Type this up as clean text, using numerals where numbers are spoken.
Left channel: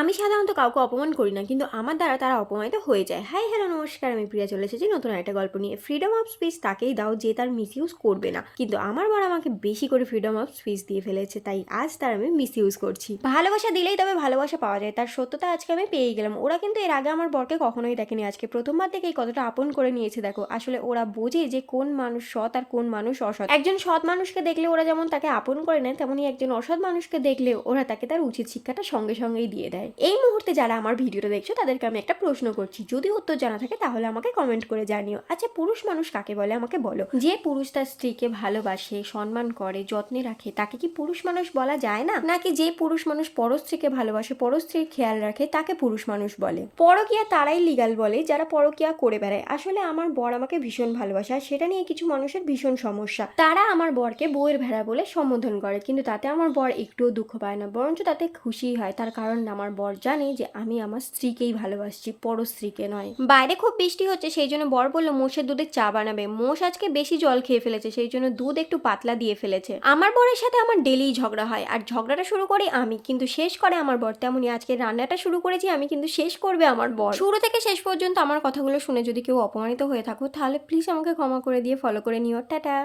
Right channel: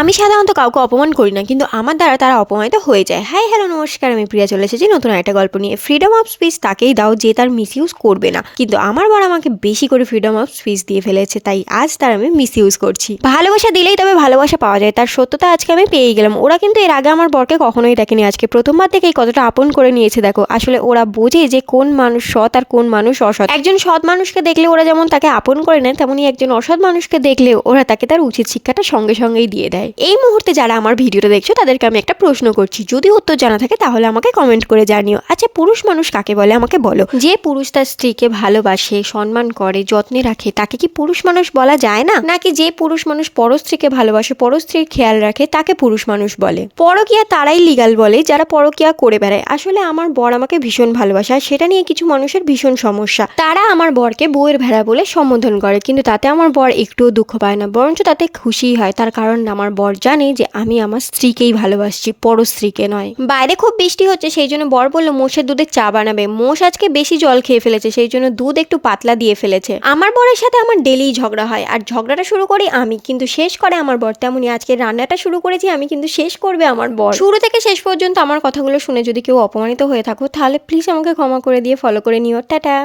আমি সাধারণত কাউকে অপমান করি না, কিন্তু আমার দ্বারা তারা অপমানিত হয়ে যায়। হাই হ্যালো নমস্কার, আমি প্রিয়া চলে এসেছি নতুন একটা গল্প নিয়ে। ফ্রিডম অফ স্পিচ তাকেই দাও যে তার মিস ইউজ করবে না, কিন্তু আমার বর আমাকে বেশি করে ফ্রিডম অফ স্পিচ দিয়ে ফেলেছে, তাই আজ তার আমি মিস ইউজ করছি। ভালোবাসা দিলেই তবে ভালোবাসা পাওয়া যায়, তার সত্যতা আজকে আমি পেয়ে গেলাম। ওরা কিন্তু এর আগে আমার বরকে কখনোই দেখেনি, আজকে প্রথমবার থেকেই কতটা আপন করে নিয়েছে দেখো। আসলে ওরা বোঝে যে কোন মানুষ সৎ আর কোন মানুষ অসৎ। একজন সৎ মানুষকে দেখলে ওরা যেমন তাকে আপন করে নেয়, তেমনি একজন অসৎ মানুষকে দেখলে ওরা তাকে তার উচিত শিক্ষাটা সঙ্গে সঙ্গেই দিয়ে দেয়। এই মুহূর্তে যারা আমার ভিডিওটা দেখছো তাদেরকে আমি একটা প্রশ্ন করছি, যদি উত্তর জানা থাকে তাহলে আমাকে কমেন্ট করে জানিও। আচ্ছা, পুরুষ মানুষ কাকে বলে আমাকে বলো? যে পুরুষ তার স্ত্রীকে ভালোবাসে, সম্মান করে, যত্নে রাখে, তাকে কি পুরুষ মানুষ বলা যায় না? নাকি যে পুরুষ মানুষ পর স্ত্রীকে ভালোবাসে, পর স্ত্রীর খেয়াল রাখে, তাকে পুরুষ মানুষ বলে? পরকিয়া তারাই লিগাল বলে যারা পরকিয়া করে বেড়ায়। আসলে আমার বর আমাকে ভীষণ ভালোবাসে, আর সেটা নিয়ে কিছু মানুষের ভীষণ সমস্যা। তারা আমার বরকে বউয়ের ভেড়া বলে সম্বোধন করে, কিন্তু তাতে আমার বর একটুও দুঃখ পায় না, বরঞ্চ তাতে খুশিই হয়। তার কারণ আমার বর জানে যে আমি আমার স্ত্রীকেই ভালোবাসছি, পর স্ত্রীকে নয়। বাইরে খুব বৃষ্টি হচ্ছে, সেই জন্য বর বললো মোষের দুধের চা বানাবে। মোষ আজকে বেশি জল খেয়ে ফেলেছে, সেই জন্য দুধ একটু পাতলা দিয়ে ফেলেছে। আমার বরের সাথে আমার ডেলি ঝগড়া হয়, আর ঝগড়াটা শুরু করি আমি, কিন্তু শেষ করে আমার বর। তেমনই আজকে রান্নাটা শুরু করেছি আমি, কিন্তু শেষ করবে আমার বর। শুরু থেকে শেষ পর্যন্ত আমার কথাগুলো শুনে যদি কেউ অপমানিত হয়ে থাকো, তাহলে প্লিজ আমাকে ক্ষমা করে দিয়ে ফলো করে নিও। টাটা।